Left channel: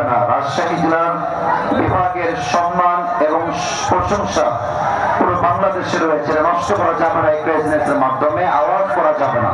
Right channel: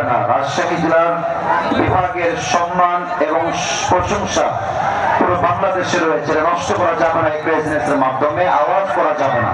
হবে না রাজশাহী জেলার বিভাগের সম্মান এবং প্রশংসা পুরো বাংলাদেশে রয়েছে। নষ্ট করা যাবে না এই মাধ্যমে, আওয়াজ করা যাবে না।